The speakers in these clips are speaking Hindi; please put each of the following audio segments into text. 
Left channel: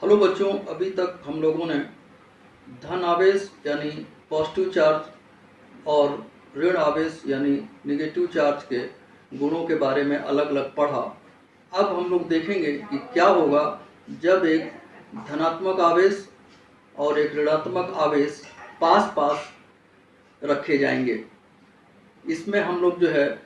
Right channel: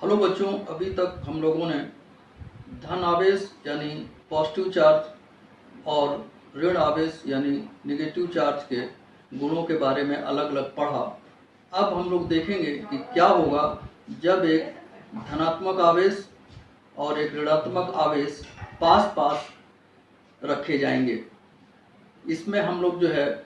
हेलो बच्चों, अभी तक हम लोगों ने धन आवेश यानी पॉजिटिव चार्ज और ऋण आवेश यानी नेगेटिव चार्ज के गुणों के बारे में अलग अलग पढ़ा। अब हम लोग देखेंगे कि क्या होगा जब एक धनात्मक आवेश और एक ऋणात्मक आवेश पास पास रखे जाएंगे। इसमें हम लोग जो है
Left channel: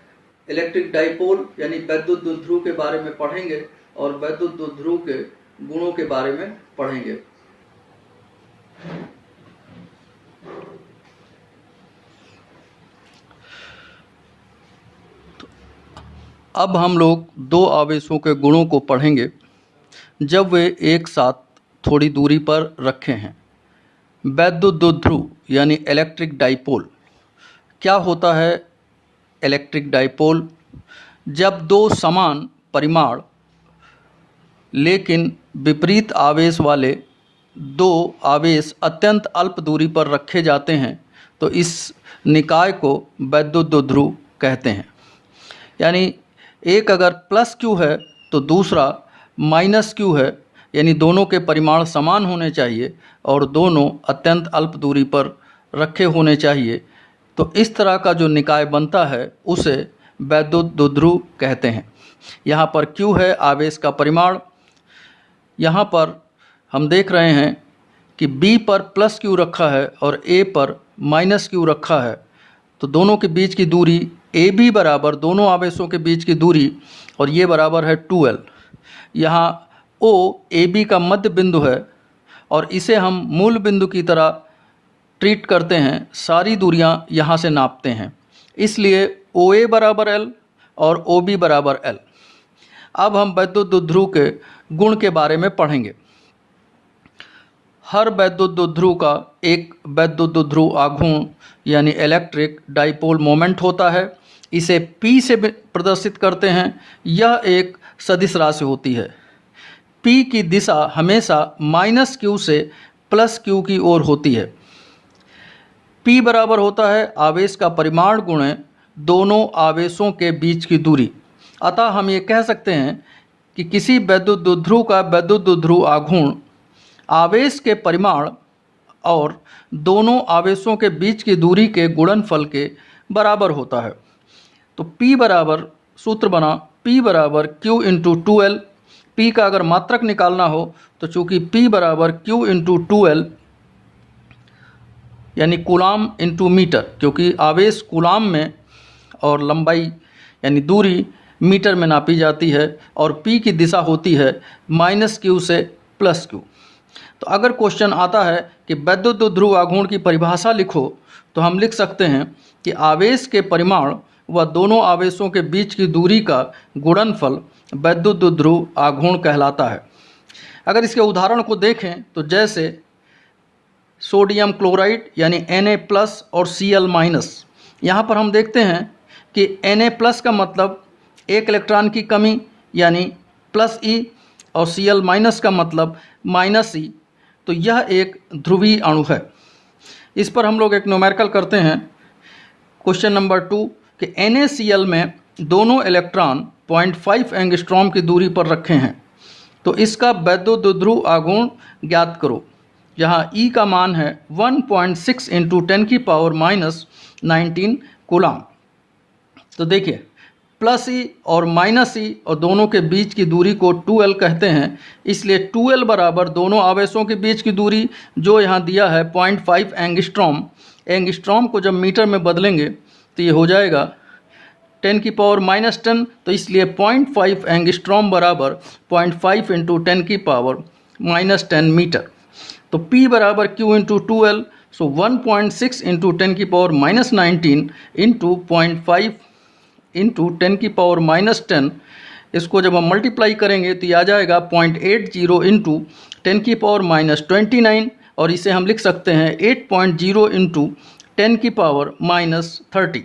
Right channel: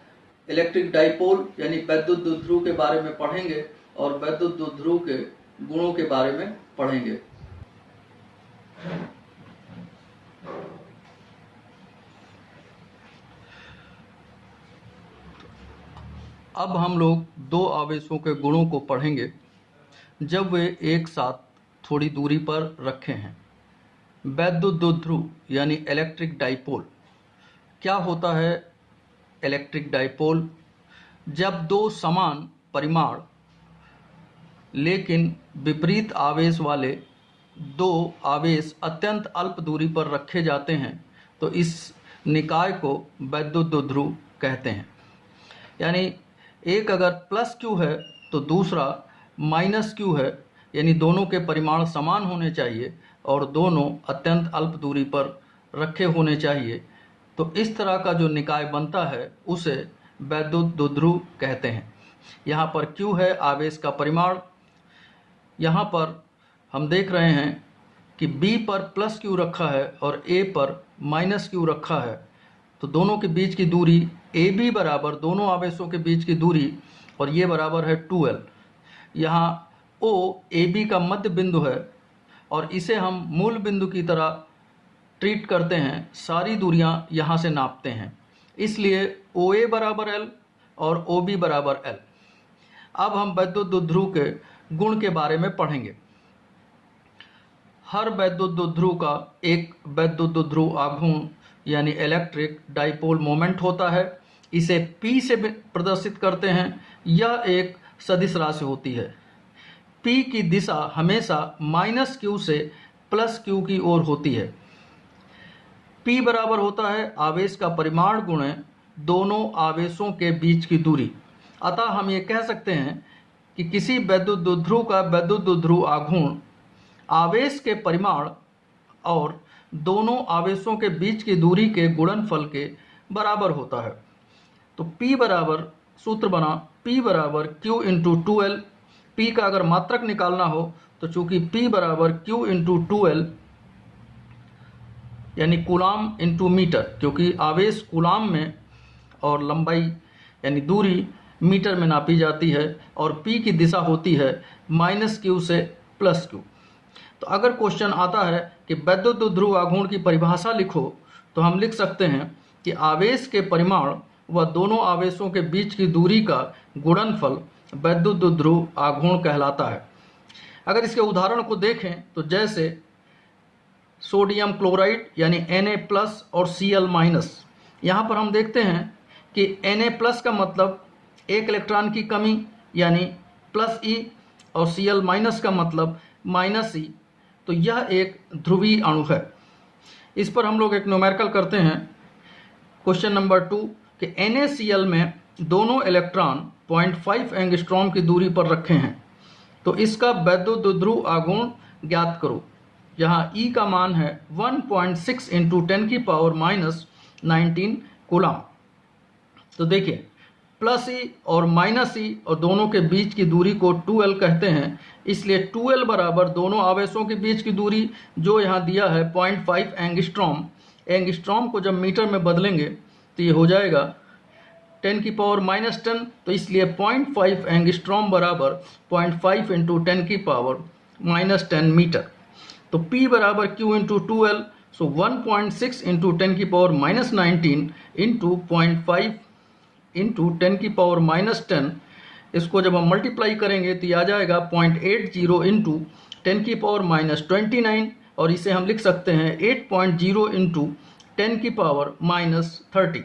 इलेक्ट्रिक डाइपोल यानी वैद्युत द्विध्रुव के बारे में पढ़ेंगे और वैद्युत द्विध्रुव के गुणों के बारे में पढ़ेंगे। अब हम लोग दो आवेशों के गुणों को पढ़ेंगे जब वे एक साथ थोड़ी दूरी पर रखे हैं। वैद्युत द्विध्रुव यानी इलेक्ट्रिक डाइपोल। क्या होता है इलेक्ट्रिक डाइपोल? जब दो समान परिमाण लेकिन विपरीत आवेश वाले दो आवेश अत्यंत अल्प दूरी पर रखे जाते हैं तो इस निकाय को वैद्युत द्विध्रुव कहते हैं। यानी एक अगर प्लस क्यू है तो दूसरा माइनस क्यू है, यानी दोनों के परिमाण समान होने चाहिए और दोनों अत्यंत अल्प दूरी पर रखे होने चाहिए। तो इस तरह का जो निकाय बनता है उसे वैद्युत द्विध्रुव कहते हैं। यहाँ पर क्यू है आवेश का परिमाण। यहाँ पर हम देख रहे हैं कि B पर प्लस क्यू रखा है और A पर माइनस क्यू रखा है, तो दोनों के बीच की दूरी AB बराबर दोनों आवेशों के बीच की दूरी और ये बराबर है 2L। यहाँ O AB का मध्य बिंदु है और इसे हम मूल बिंदु की तरह ट्रीट करते हैं, सारी दूरियां यहाँ से नापते हैं, इसलिए OA बराबर L और OB बराबर L। अब हम वैद्युत द्विध्रुव के गुण के बारे में पढ़ेंगे। हर वैद्युत द्विध्रुव का एक वैद्युत द्विध्रुव आघूर्ण यानी इलेक्ट्रिक डाइपोल मोमेंट होता है। इसे P से प्रदर्शित करते हैं। यह एक सदिश राशि होती है। P की दिशा हमेशा माइनस क्यू से प्लस क्यू की ओर होती है। P बराबर होता है आवेश का परिमाण गुणे दोनों आवेशों के बीच की दूरी। अतः हम ये कह सकते हैं कि किसी वैद्युत द्विध्रुव का वैद्युत द्विध्रुव आघूर्ण आवेश के परिमाण और दोनों आवेशों के बीच की दूरी के गुणनफल के बराबर होता है। तो P बराबर सूत्र बना P बराबर Q इंटू 2L। P का अगर मात्रक निकालना हो तो चूँकि P बराबर Q इंटू 2L यानी कूलाम इंटू मीटर, क्योंकि आवेश कूलाम में और लंबाई यानी दूरी मीटर में नापी जाती है और P की दिशा होती है माइनस क्यू से प्लस क्यू। तो अगर क्वेश्चन आता है कि वैद्युत द्विध्रुव आघूर्ण की परिभाषा लिखो तो हम लिख सकते हैं कि आवेश के परिमाण व दोनों आवेशों के बीच की दूरी का गुणनफल वैद्युत द्विध्रुव आघूर्ण कहलाता है। अगर इसके उदाहरण को देखें तो जैसे सोडियम क्लोराइड यानी Na+ और Cl-। यहाँ पर हम देखते हैं कि Na+ का मतलब एक इलेक्ट्रॉन की कमी यानी +E और Cl- का मतलब -E। तो यह एक ध्रुवीय अणु है। इस पर हम लोग एक न्यूमेरिकल करते हैं। क्वेश्चन नंबर 2 कि NaCl में दोनों इलेक्ट्रॉन 0.5 एंगस्ट्रॉम की दूरी पर रखे हैं, तो इसका वैद्युत द्विध्रुव आघूर्ण ज्ञात करो। जहाँ E का मान है 1.6 इंटू 10⁻⁻19 कूलाम। तो देखिए +E और -E और दोनों के बीच की दूरी को 2L कहते हैं, इसलिए 2L बराबर दोनों आवेशों के बीच की दूरी जो यहाँ दिया है 0.5 एंगस्ट्रॉम। एंगस्ट्रॉम को जब मीटर में बदलेंगे तो ये हो जाएगा 10⁻⁻10, तो इसलिए 0.5 एंगस्ट्रॉम बराबर 0.5 इंटू 10⁻⁻10 मीटर। तो P बराबर Q इंटू 2L, सो 1.6 इंटू 10⁻⁻19 इंटू 0.5 इंटू 10⁻⁻10। इसको जब हम मल्टीप्लाई करेंगे तो ये आ जाएगा 0.80 इंटू 10⁻⁻29 और इसे हम लिख सकते हैं 8.0 इंटू 10⁻30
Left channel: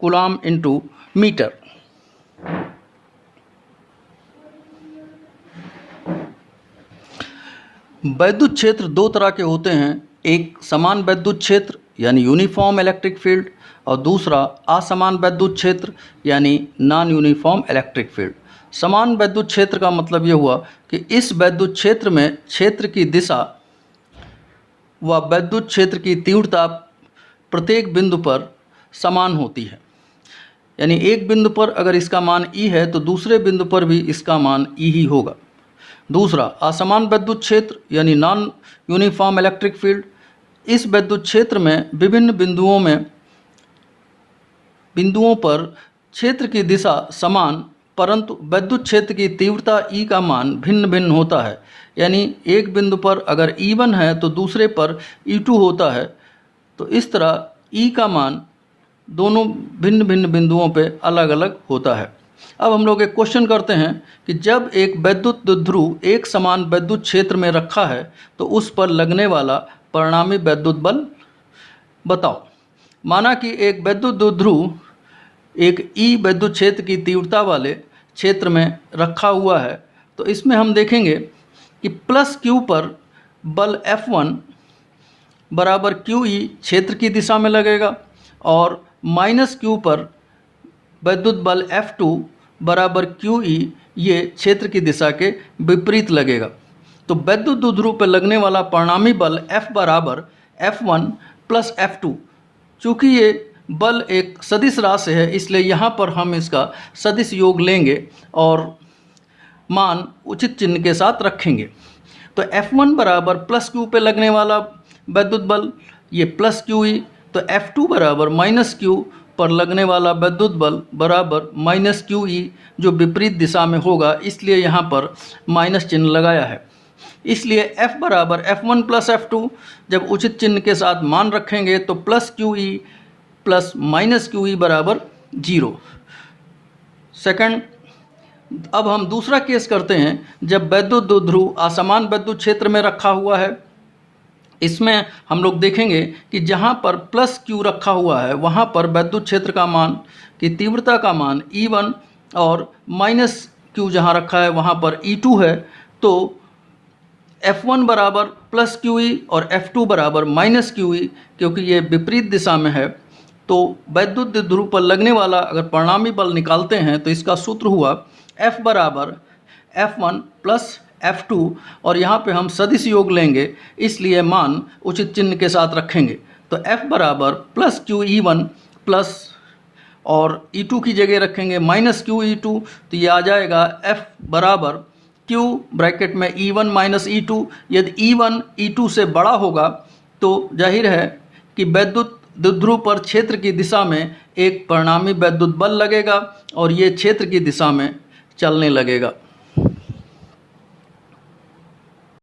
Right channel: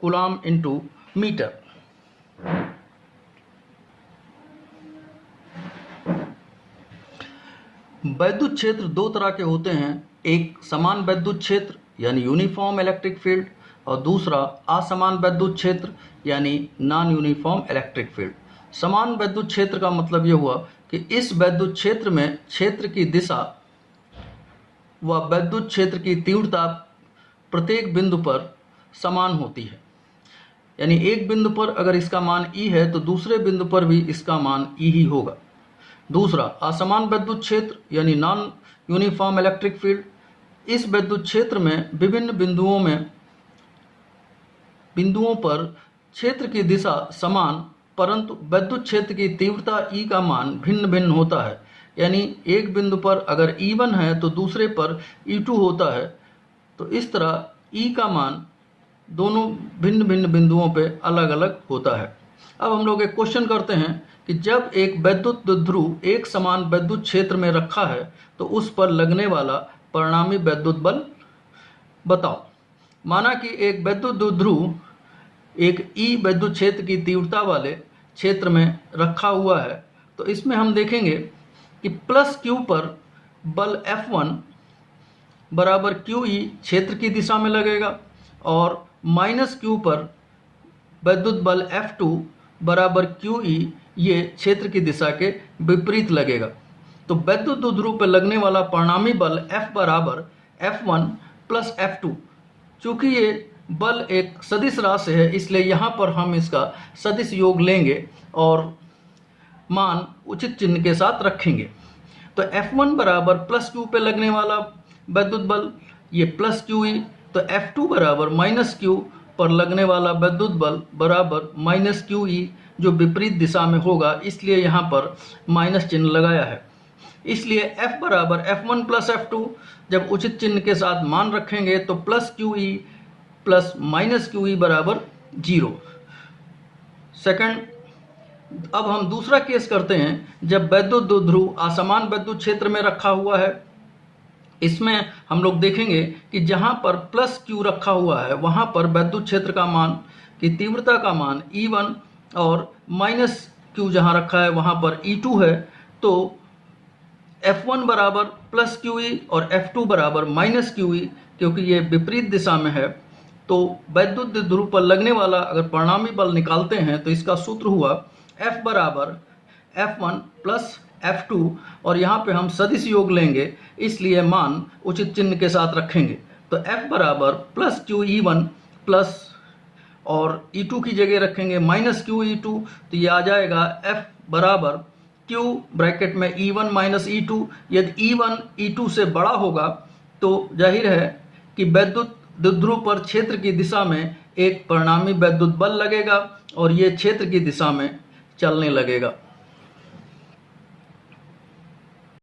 कूलाम इंटू मीटर। वैद्युत क्षेत्र दो तरह के होते हैं, एक समान वैद्युत क्षेत्र यानी यूनिफॉर्म इलेक्ट्रिक फील्ड और दूसरा असमान वैद्युत क्षेत्र यानी नॉन यूनिफॉर्म इलेक्ट्रिक फील्ड। समान वैद्युत क्षेत्र का मतलब ये हुआ कि इस वैद्युत क्षेत्र में क्षेत्र की दिशा व वैद्युत क्षेत्र की तीव्रता प्रत्येक बिंदु पर समान होती है। यानी एक बिंदु पर अगर इसका मान E है तो दूसरे बिंदु पर भी इसका मान E ही होगा। दूसरा, असमान वैद्युत क्षेत्र यानी नॉन यूनिफॉर्म इलेक्ट्रिक फील्ड। इस वैद्युत क्षेत्र में विभिन्न बिंदुओं पर क्षेत्र की दिशा समान, परंतु वैद्युत क्षेत्र की तीव्रता E का मान भिन्न भिन्न होता है। यानी एक बिंदु पर अगर E1 है तो दूसरे पर E2 होता है। तो इस तरह E का मान दोनों भिन्न भिन्न बिंदुओं पे अलग अलग होता है। अब हम लोग एक क्वेश्चन करते हैं कि जब एक वैद्युत द्विध्रुव एक समान वैद्युत क्षेत्र में रखा है तो उस पर लगने वाला परिणामी वैद्युत बल बताओ। माना कि एक वैद्युत द्विध्रुव एक E वैद्युत क्षेत्र की तीव्रता वाले क्षेत्र में रखा हुआ है, तो इसमें हम देखेंगे कि प्लस Q पर बल F1 बराबर QE क्षेत्र की दिशा में लगेगा और माइनस Q पर वैद्युत बल F2 बराबर QE ये क्षेत्र की दिशा के विपरीत लगेगा। तो वैद्युत द्विध्रुव पर लगने वाला परिणामी बल F बराबर F1 प्लस F2। चूँकि ये बल एक सदिश राशि है इसलिए यहाँ पर हम इसका सदिश योग लेंगे और मान उचित चिन्ह के साथ रखेंगे। तो F1 बराबर प्लस Q पे लगने वाला वैद्युत बल ये प्लस QE, तो F2 बराबर माइनस Q पर लगने वाला वैद्युत बल बराबर माइनस QE जो विपरीत दिशा में होगा, इसलिए यहाँ पर माइनस चिन्ह लगाया है। इसलिए F बराबर F1 प्लस F2 जब उचित चिन्ह के साथ मान रखेंगे तो plus QE plus minus QE बराबर 0। सेकंड, अब हम दूसरा केस करते हैं जब वैद्युत द्विध्रुव असमान वैद्युत क्षेत्र में रखा हुआ है। इसमें हम लोग देखेंगे कि जहाँ पर प्लस Q रखा हुआ है वहाँ पर वैद्युत क्षेत्र का मान की तीव्रता का मान E1 और माइनस Q जहाँ रखा है वहाँ पर E2 है। तो F1 बराबर प्लस QE और F2 बराबर माइनस QE, क्योंकि ये विपरीत दिशा में है। तो वैद्युत द्विध्रुव पर लगने वाला अगर परिणामी बल निकालते हैं तो इसका सूत्र हुआ F बराबर F1 प्लस F2 और यहाँ पे हम सदिश योग लेंगे इसलिए मान उचित चिन्ह के साथ रखेंगे। तो F बराबर प्लस QE1 प्लस और E2 की जगह रखेंगे माइनस QE2, तो ये आ जाएगा F बराबर Q ब्रैकेट में E1 माइनस E2। यदि E1 E2 से बड़ा होगा तो जाहिर है कि वैद्युत द्विध्रुव पर क्षेत्र की दिशा में एक परिणामी वैद्युत बल लगेगा और ये क्षेत्र की दिशा में चलने लगेगा।